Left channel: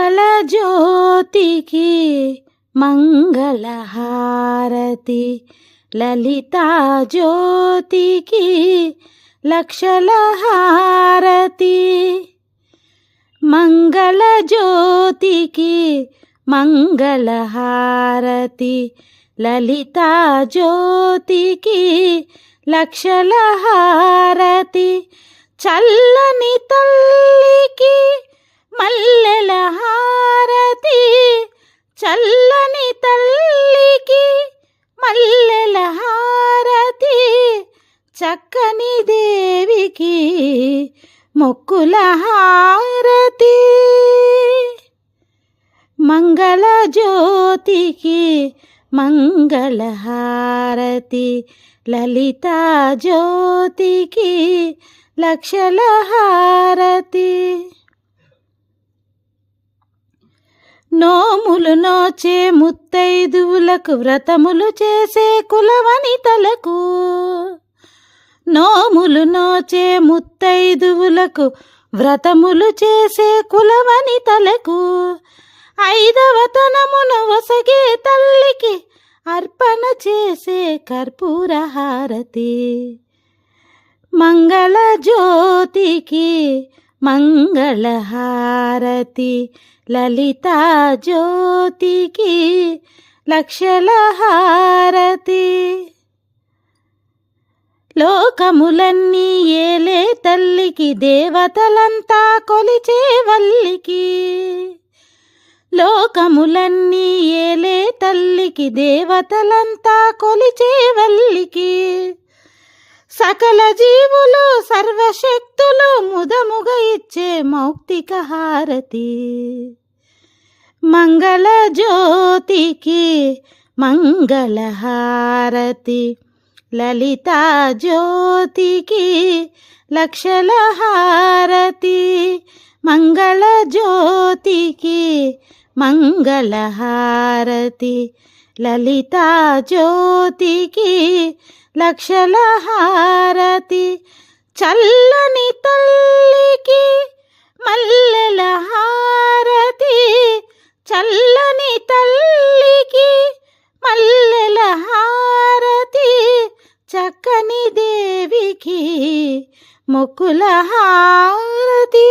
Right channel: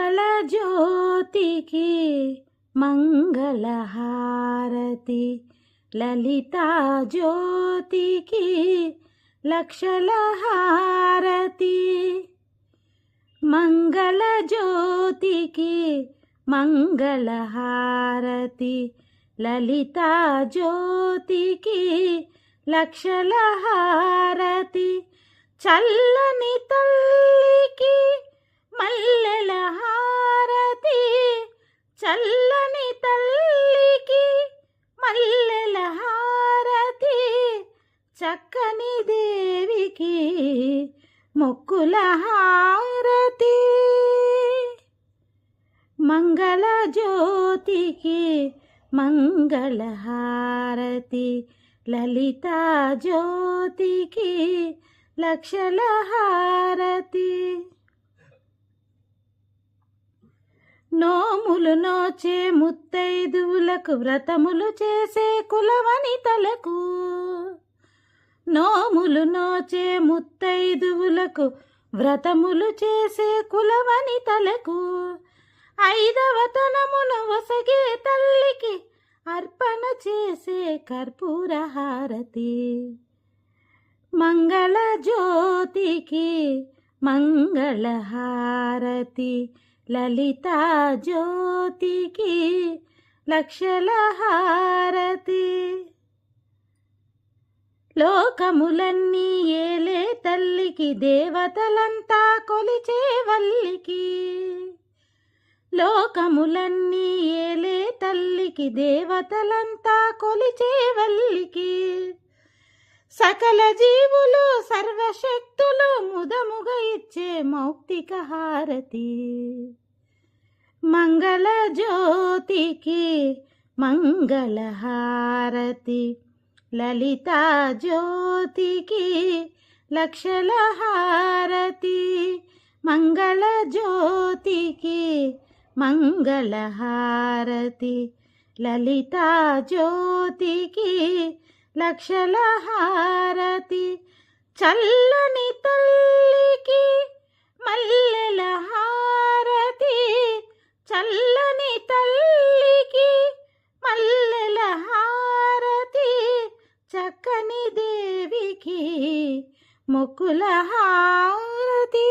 మంగళ జ్యోతికి మంగళహారతి, లలితా జ్యోతికి లక్షల హారతి. మంగళ జ్యోతికి మంగళహారతి, లలితా జ్యోతికి లక్షల హారతి. చల్లని తల్లికి మల్లెల హారతి, చల్లని తల్లికి మల్లెల హారతి. చక్కని దేవికి మొక్కుల హారతి. మంగళ జ్యోతికి మంగళహారతి, లలితా జ్యోతికి లక్షల హారతి. నోములు నోచే ముత్తైదువులకు, వ్రతములు చేసే కులవనితలకు, నోములు నోచే ముత్తైదువులకు, వ్రతములు చేసే కులవనితలకు, ఐదవ తనమును వసగే తల్లికి అర్పణ చేసే కర్పూర హారతి. మంగళ జ్యోతికి మంగళహారతి, లలితా జ్యోతికి లక్షల హారతి. లోకములన్నీ ఏలే తల్లికి, దేవతలంతా కొలిచే వల్లికి. లోకములన్నీ ఏలే తల్లికి, దేవతలంతా కొలిచే వల్లికి. సకల జీవులు సర్వశక్తులు ముదముగా ఇచ్చే మౌక్తిక హారతి. మంగళ జ్యోతికి మంగళహారతి, లలితా జ్యోతికి లక్షల హారతి. మంగళ జ్యోతికి మంగళహారతి, లలితా జ్యోతికి లక్షల హారతి. చల్లని తల్లికి మల్లెల హారతి, చల్లని తల్లికి మల్లెల హారతి. చక్కని దేవికి మొక్కుల హారతి.